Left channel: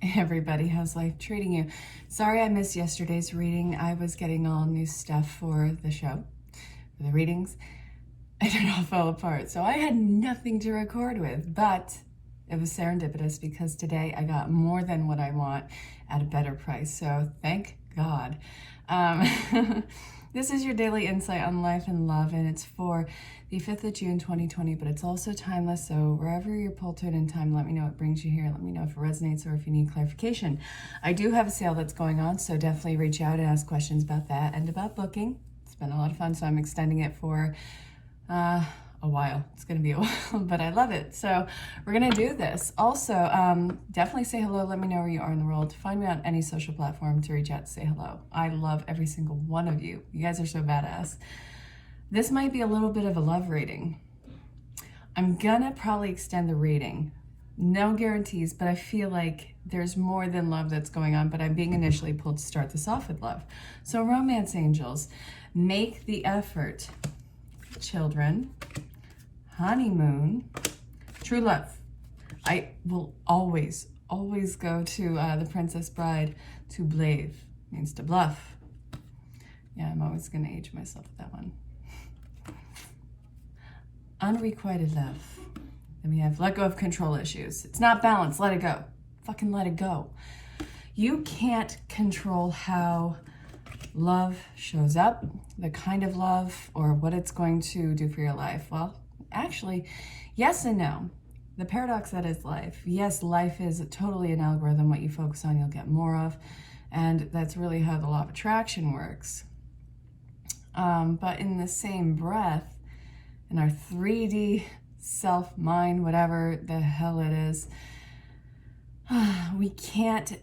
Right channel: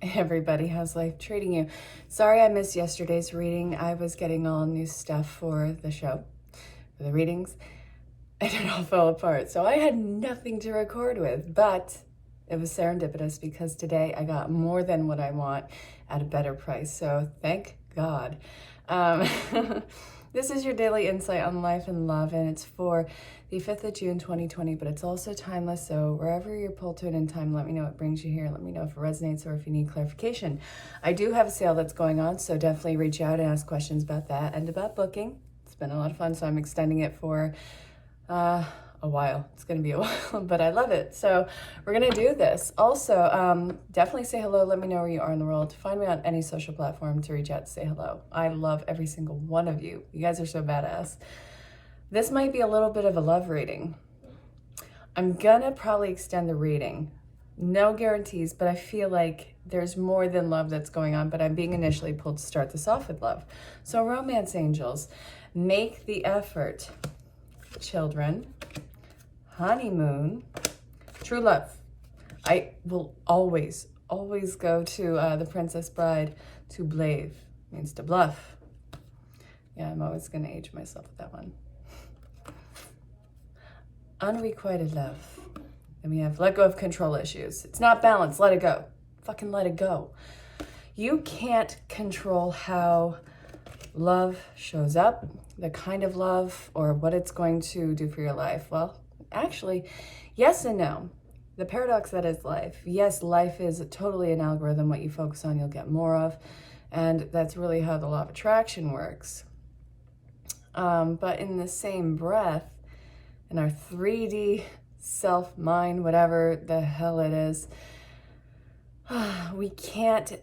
Everybody, how's life treating you? Sorry I missed yesterday's reading. I was getting all new stuff for the show, for the readings, and it all fell apart. So I had nothing to record with, but it was serendipitous because today I got more than what I want at a better price. So thank God. Um, this is your daily insight on life and love, and it's for the 5th of June, 2020, but it's also timeless. So wherever you're pulled to it in time, let me know what brings you here. Let me know if it resonates or if you need clarification. I do have a sale that's going on, so definitely reach out and ask questions about that and about booking. It's been a lot of fun, so I'm extending it for a while. It's going to be a while, but I love it. So we're going to do this. Also, definitely say hello. Let me know where you are in the world. Find me on any social platform to reach out to say hello. I love every single one of you. You guys are so badass. This might be a little bit of a love reading. I'm gonna probably extend the reading. No guarantees, but I feel like there's more than love that's going on, but I'm being initially pulled to start this off with love. So romance angels, make the effort. Children, honeymoon, true love. I will always go to the Princess Bride. To blave means to bluff. Yeah, I'm always gonna age myself with that one. Unrequited love. Then we have let go of control issues. It's not balanced, let it go. Fucking let it go. You can't control how love shows up, the kind of love, or what it's going to do for your life. Well, actually, yes and no. The paradox that is life. Yes, life is totally an algorithm. What you focus on, you'll get more of. And that's really how the law of attraction works. But in the same breath, in our 3D self, mind, whatever the hell it is, we can't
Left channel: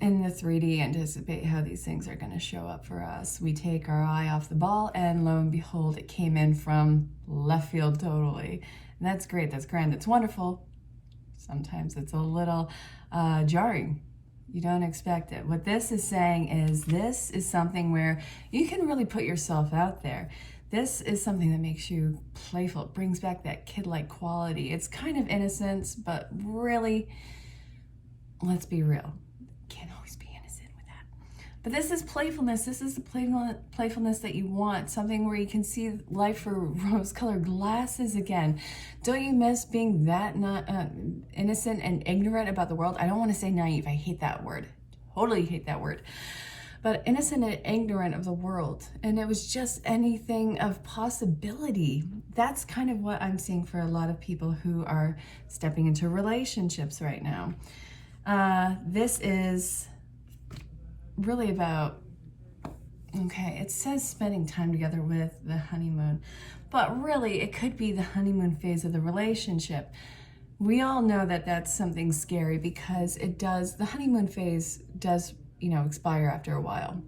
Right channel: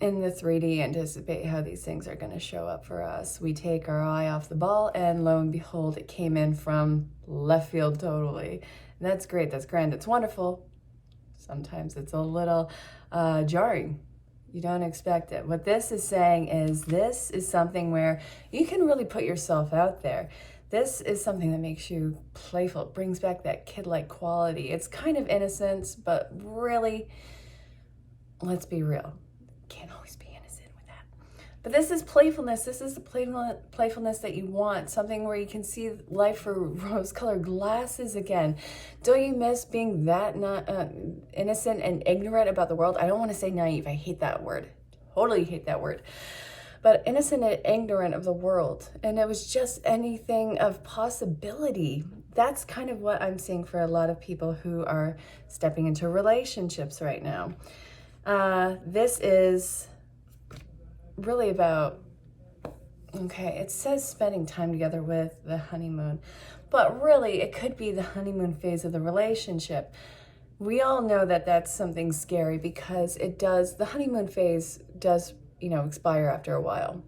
in the 3D anticipate how these things are going to show up for us. We take our eye off the ball and lo and behold, it came in from left field totally. And that's great, that's grand, it's wonderful. Sometimes it's a little jarring. You don't expect it. What this is saying is this is something where you can really put yourself out there. This is something that makes you playful. It brings back that kid-like quality. It's kind of innocence, but really, let's be real. Can't always be innocent with that. But this is playfulness. This is the playfulness that you want. Something where you can see life through rose-colored glasses again. Don't you miss being that not innocent and ignorant about the world? I don't want to say naive. I hate that word. Totally hate that word. But innocent and ignorant of the world. And it was just anything of possibility. That's kind of what I'm seeing for a lot of people who are stepping into relationships right now. This is really about, okay, it says spending time together with the honeymoon, but really it could be the honeymoon phase of the relationship. We all know that that's something scary because the honeymoon phase does expire after a while.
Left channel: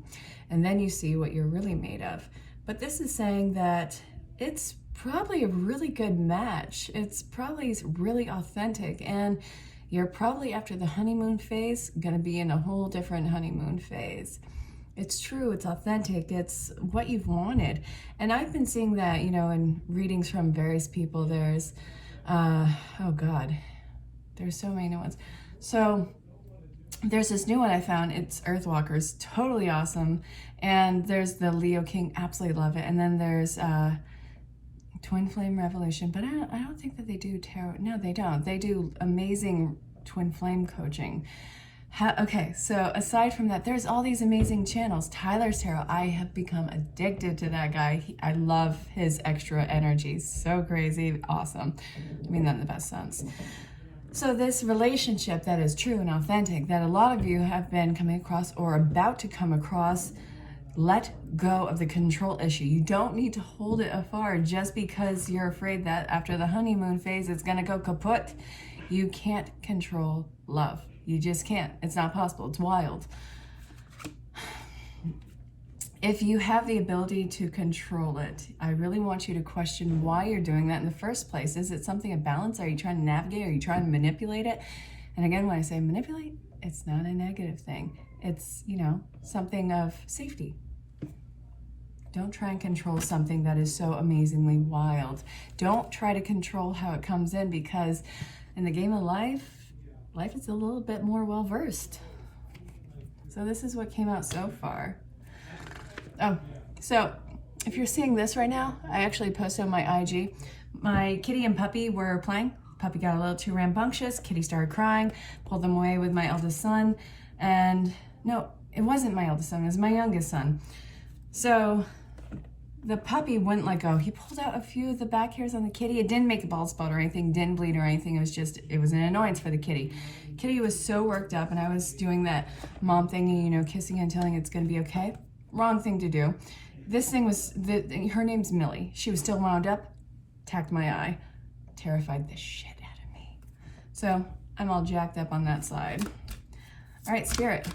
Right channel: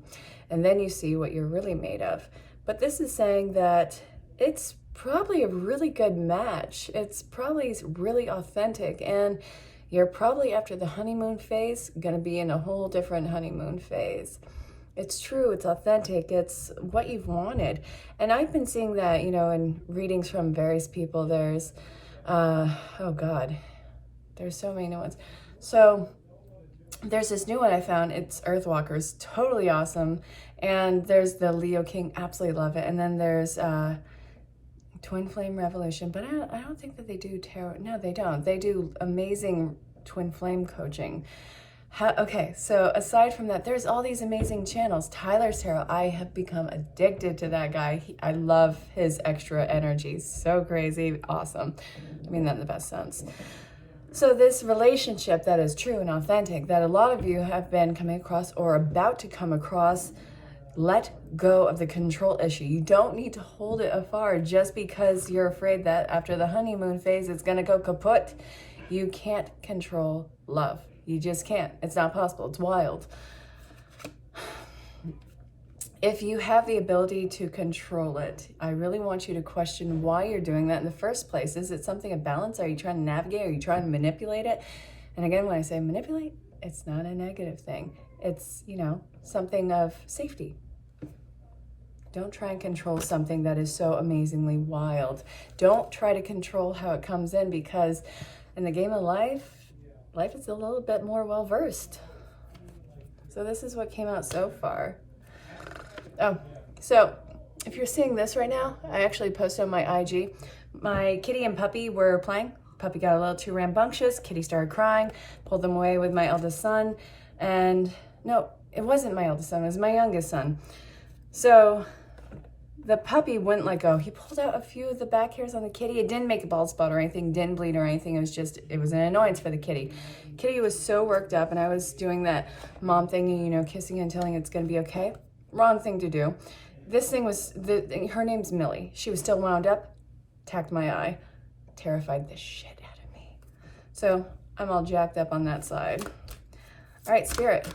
And then you see what you're really made of. But this is saying that it's probably a really good match. It's probably really authentic. And you're probably after the honeymoon phase going to be in a whole different honeymoon phase. It's true. It's authentic. It's what you've wanted. And I've been seeing that, in readings from various people. There's, oh God, there's so many new ones. So there's this new one I found. It's Earthwalkers, totally awesome. And there's the Leo King, absolutely love it. And then there's Twin Flame Revolution, but I don't think that they do tarot. No, they don't. They do amazing twin flame coaching. Okay, so aside from that, there's all these amazing channels. Tyler's Tarot, I have become addicted to that guy. I love his extra energy. So crazy, awesome. I mean that in the best sense. So this relationship that is true and authentic, that a lot of you have been coming across or about to come across, let go of the control issue. You don't need to hold it afar just because you're afraid that after the honeymoon phase, it's going to go kaput. You can't control love. You just can't. It's not possible. It's wild. If you have the ability to control it, I really want you to question why you're doing that in the first place. Is it something of balance? Are you trying to navigate? Are you trying to manipulate it? And again, when I say manipulate, it's not a negative thing. It's, something of safety. Don't try and control something that is so amazingly wild. Don't try to control how it comes in, because in the game of life, life is a little bit more well-versed. So this is what came out so far. Oh, so if you're seeing this right now, I actually posted on my IG. My kitty and puppy were playing. Puppy got a little too rambunctious. Kitty started crying, pulled them away with my eldest son. And no, it wasn't my eldest son, it was my youngest son. So the puppy wouldn't let go. He pulled out a few of the back hairs on the kitty. It didn't make a bald spot or anything, didn't bleed or anything. It was an annoyance for the kitty. Kitty was so worked up, and I was doing that mom thing, you know, kissing and telling it's gonna be okay. Wrong thing to do. This thing was, her name's Millie. She was still wound up, attacked my eye, terrified the shit out of me. So I'm all jacked up on that side. All right, Spirit.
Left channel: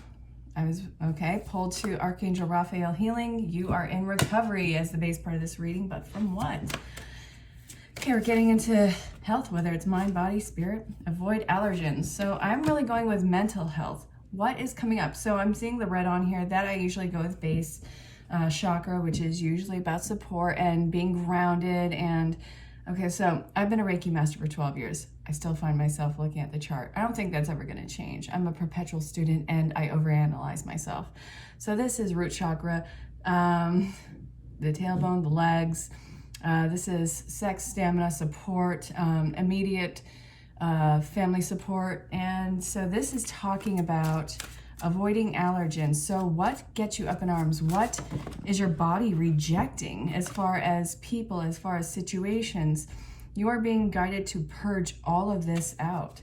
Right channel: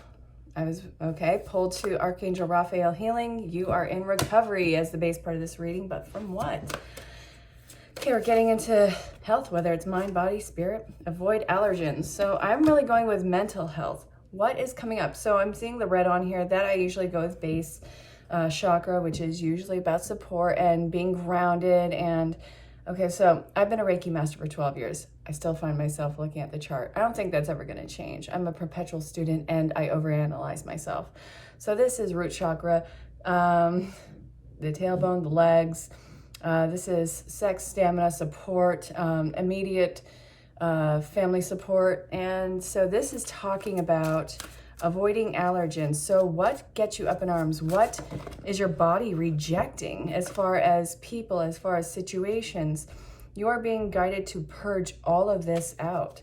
I was, okay, pulled to Archangel Raphael healing. You are in recovery as the base part of this reading, but from what? Okay, we're getting into health, whether it's mind, body, spirit. Avoid allergens. So I'm really going with mental health. What is coming up? So I'm seeing the red on here. That I usually go with base chakra, which is usually about support and being grounded. And okay, so I've been a Reiki master for 12 years. I still find myself looking at the chart. I don't think that's ever going to change. I'm a perpetual student and I overanalyze myself. So this is root chakra, the tailbone, the legs. This is sex, stamina, support, immediate family support. And so this is talking about avoiding allergens. So what gets you up in arms? What is your body rejecting as far as people, as far as situations? You are being guided to purge all of this out.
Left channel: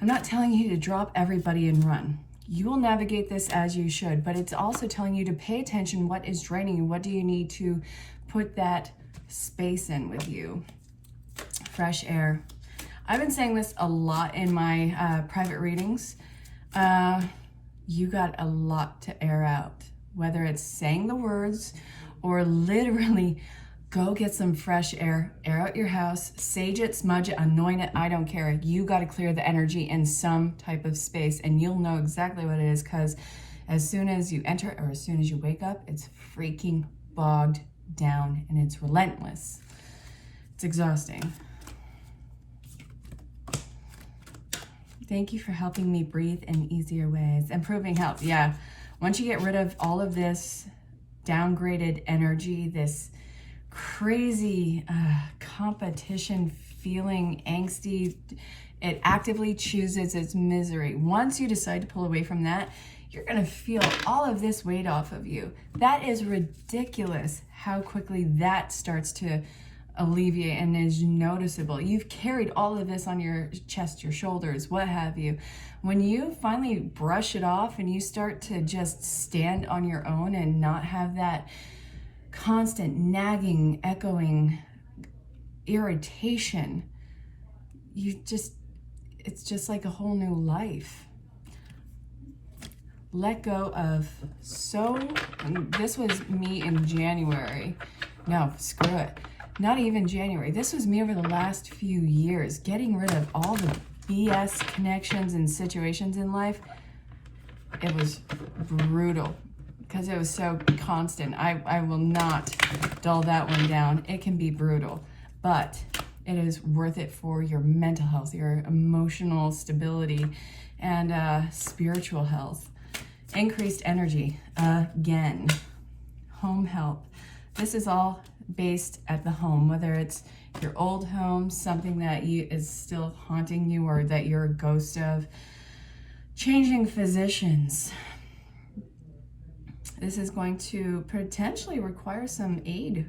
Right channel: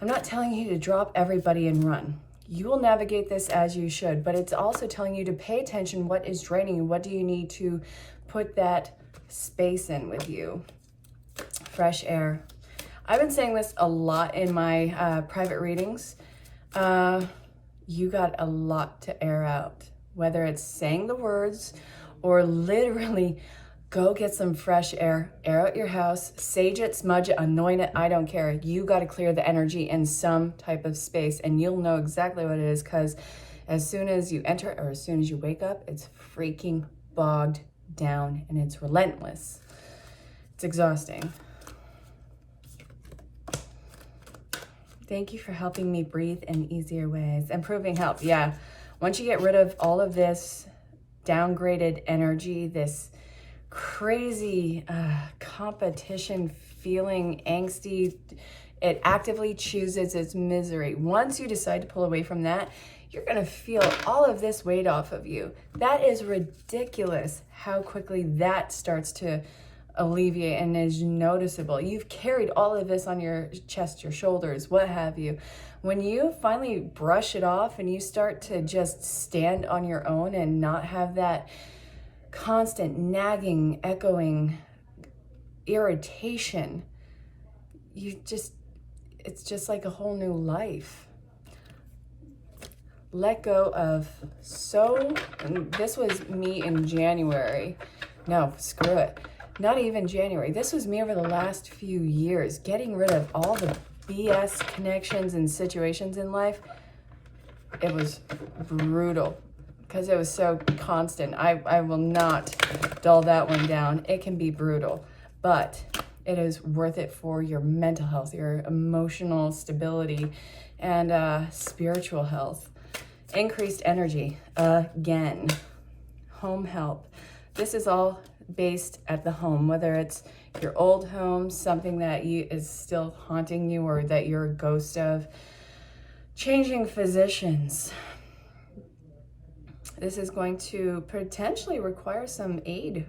I'm not telling you to drop everybody and run. You will navigate this as you should, but it's also telling you to pay attention. What is draining you? What do you need to put that space in with you? Fresh air. I've been saying this a lot in my private readings. You got a lot to air out, whether it's saying the words or literally go get some fresh air out your house, sage it, smudge it, anoint it, I don't care. You got to clear the energy in some type of space, and you'll know exactly what it is, because as soon as you enter or as soon as you wake up, it's freaking bogged down and it's relentless. It's exhausting. Thank you for helping me breathe in easier ways. Improving health. Yeah. Once you get rid of all of this downgraded energy, this crazy competition feeling, angsty, it actively chooses its misery. Once you decide to pull away from that, you're going to feel all of this weight off of you. That is ridiculous how quickly that starts to alleviate and is noticeable. You've carried all of this on your chest, your shoulders, what have you. When you finally brush it off and you start to just stand on your own and not have that constant nagging, echoing irritation, it's just like a whole new life. Let go of and this was me in January. No, screw it. Not even January. This was me over the last few years, getting rid of all the BS connections and situations in life. It was brutal because it was so constant. I will not dull that one down. It can be brutal, but it is worth it for your mental health, your emotional stability, and spiritual health. Increased energy, again. Home help. This is all based at the home, whether it's your old home, something that is still haunting you or that you're a ghost of. Changing physicians. This is going to potentially require some aid.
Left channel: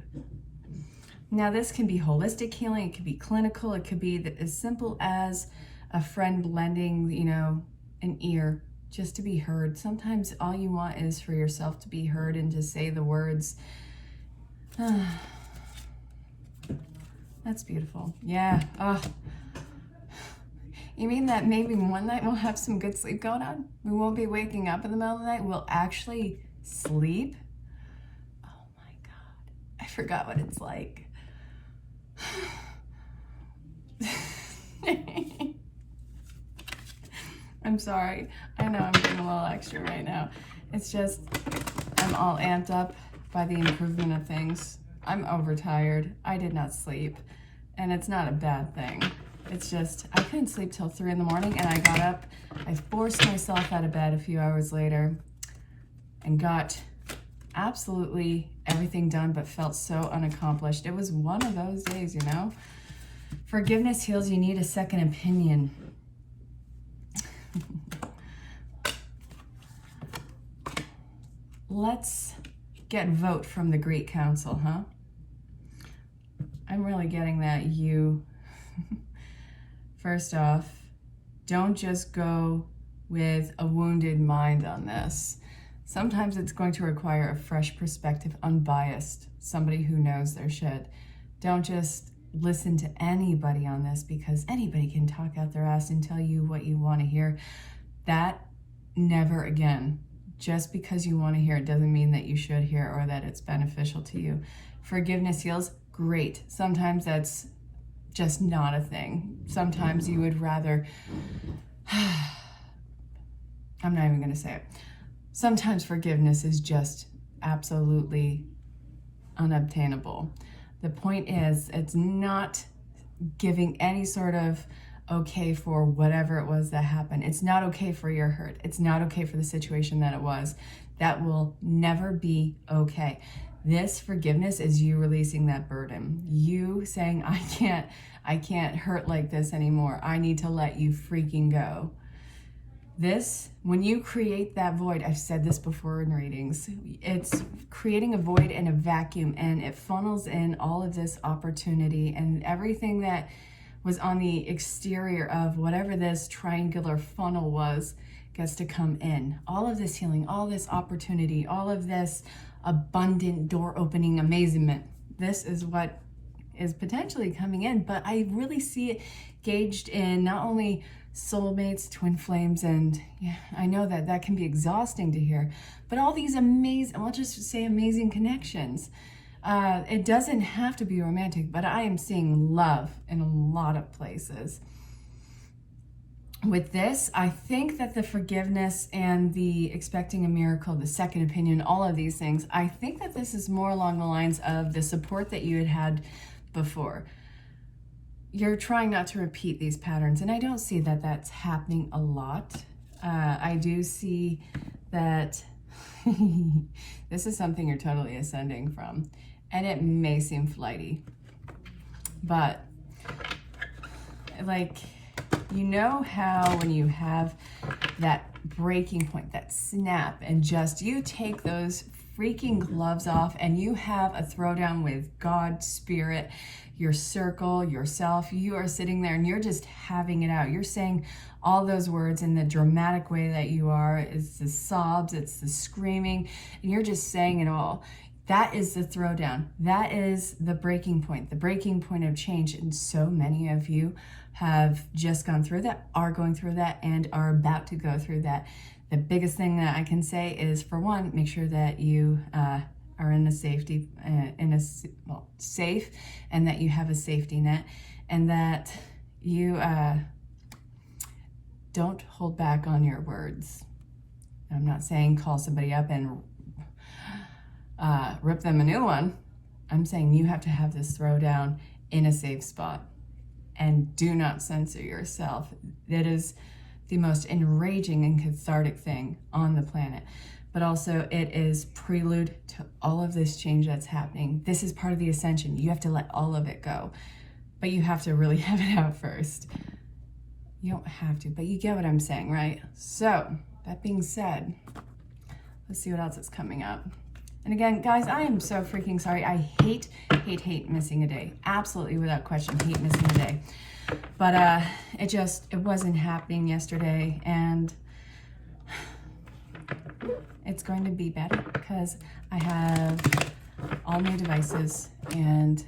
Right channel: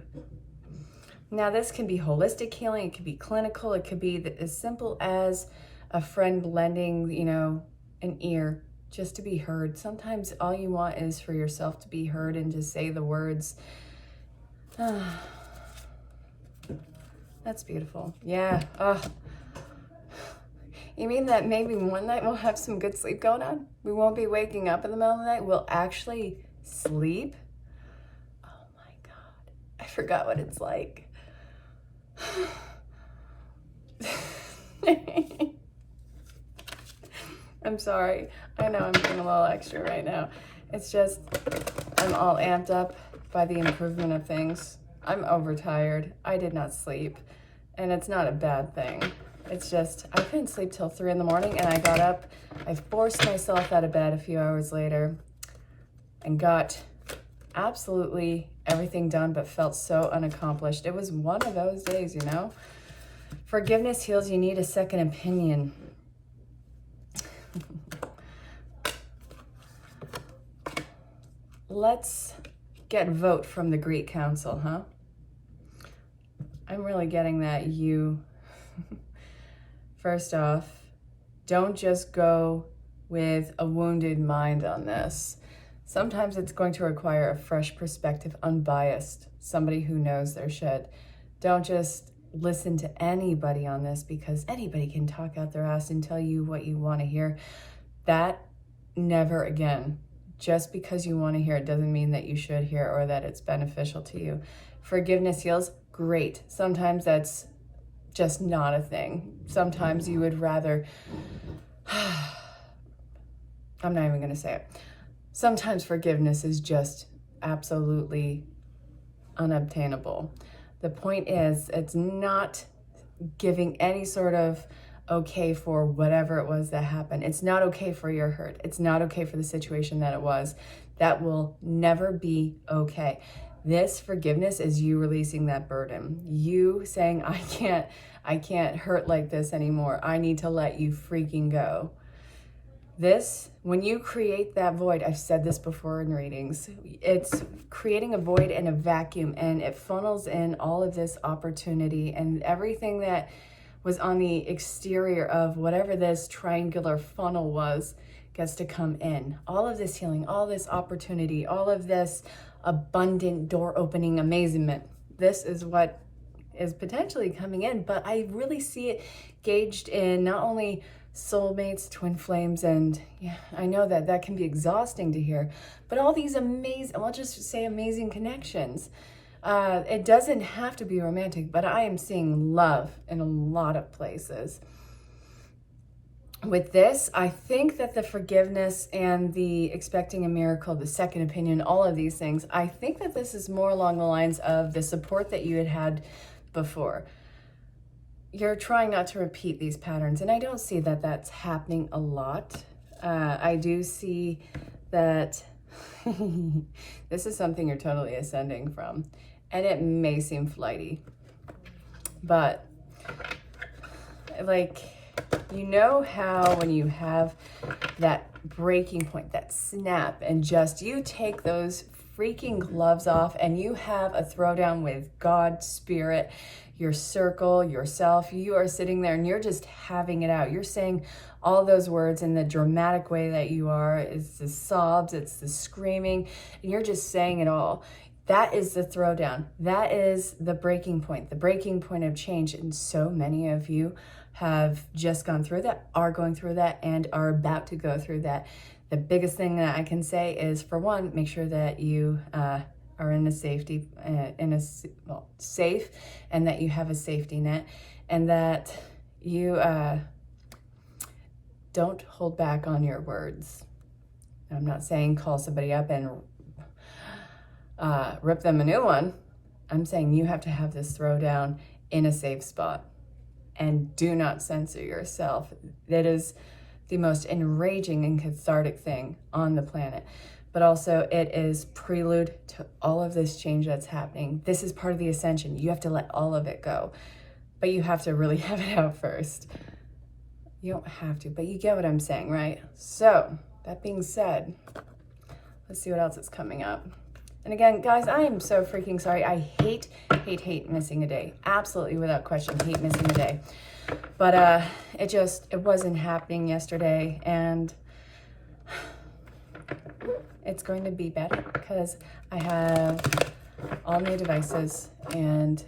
Now, this can be holistic healing, it could be clinical, it could be as simple as a friend lending, an ear just to be heard. Sometimes all you want is for yourself to be heard and to say the words. That's beautiful. Yeah. You mean that maybe one night we'll have some good sleep going on? We won't be waking up in the middle of the night. We'll actually sleep? Oh my God. I forgot what it's like. I'm sorry. I know I'm being a little extra right now. It's just, I'm all amped up by the improvement of things. I'm overtired. I did not sleep, and it's not a bad thing. It's just, I couldn't sleep till 3 in the morning, and I got up, I forced myself out of bed a few hours later and got absolutely everything done, but felt so unaccomplished. It was one of those days, you know? Forgiveness heals. You need a second opinion. Let's get vote from the Greek Council, huh? I'm really getting that you, first off, don't just go with a wounded mind on this. Sometimes it's going to require a fresh perspective, unbiased, somebody who knows their shit. Don't just listen to anybody on this, because anybody can talk out their ass and tell you what you want to hear. That, never again. Just because you want to hear it doesn't mean that you should hear or that it's beneficial to you. Forgiveness heals, great. Sometimes that's just not a thing. Sometimes you would rather, I'm not even going to say it. Sometimes forgiveness is just absolutely unobtainable. The point is, it's not giving any sort of okay for whatever it was that happened. It's not okay for your hurt. It's not okay for the situation that it was. That will never be okay. This forgiveness is you releasing that burden. You saying, I can't hurt like this anymore. I need to let you freaking go. This, when you create that void, I've said this before in readings, it's creating a void and a vacuum, and it funnels in all of this opportunity, and everything that was on the exterior of whatever this triangular funnel was gets to come in. All of this healing, all this opportunity, all of this abundant door opening amazement. This is what is potentially coming in, but I really see it gauged in not only soulmates, twin flames, and yeah, I know that that can be exhausting to hear, but all these amazing, I'll just say amazing connections. It doesn't have to be romantic, but I am seeing love in a lot of places. With this, I think that the forgiveness and the expecting a miracle, the second opinion, all of these things, I think that this is more along the lines of the support that you had before. You're trying not to repeat these patterns, and I don't see that that's happening a lot. I do see that this is something you're totally ascending from, and it may seem flighty, but like, you know how when you have that breaking point, that snap, and just you take those freaking gloves off and you have a throwdown with God, spirit, your circle, yourself, you are sitting there and you're just having it out. You're saying all those words in the dramatic way that you are. It's the sobs, it's the screaming, and you're just saying it all. That is the throwdown. That is the breaking point of change. And so many of you have just gone through that, are going through that, and are about to go through that. The biggest thing that I can say is, for one, make sure that you are in a safety, safe, and that you have a safety net, and that you don't hold back on your words. I'm not saying call somebody up and rip them a new one. I'm saying you have to have this throwdown in a safe spot, and do not censor yourself. That is the most enraging and cathartic thing on the planet. But also, it is prelude to all of this change that's happening. This is part of the ascension. You have to let all of it go, but you have to really have it out first. You don't have to, but you get what I'm saying, right? So, that being said, let's see what else is coming up. And again, guys, I am so freaking sorry. I hate missing a day. Absolutely, without question, hate missing a day. But it wasn't happening yesterday, and it's going to be better because I have all new devices and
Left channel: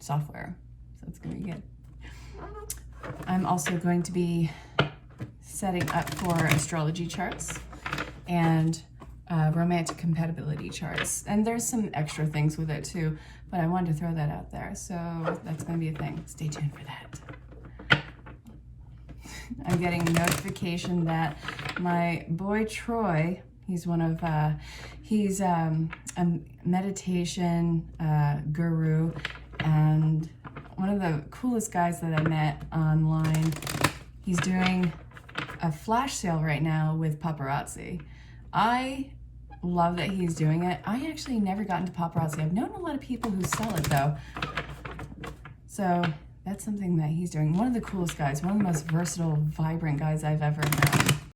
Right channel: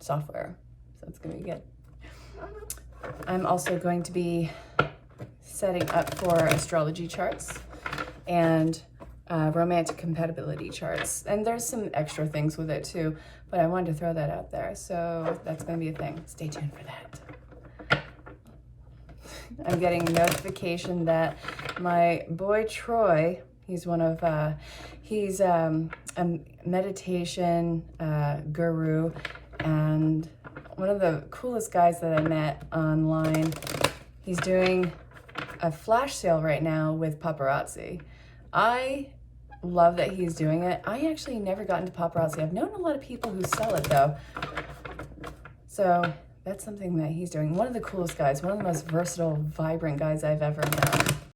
software, so it's going to be good. I'm also going to be setting up for astrology charts and romantic compatibility charts, and there's some extra things with it too, but I wanted to throw that out there, so that's going to be a thing. Stay tuned for that. I'm getting a notification that my boy Troy, he's one of he's a meditation guru and one of the coolest guys that I met online. He's doing a flash sale right now with paparazzi. I love that he's doing it. I actually never got into paparazzi. I've known a lot of people who sell it though. So that's something that he's doing. One of the coolest guys, one of the most versatile, vibrant guys I've ever known.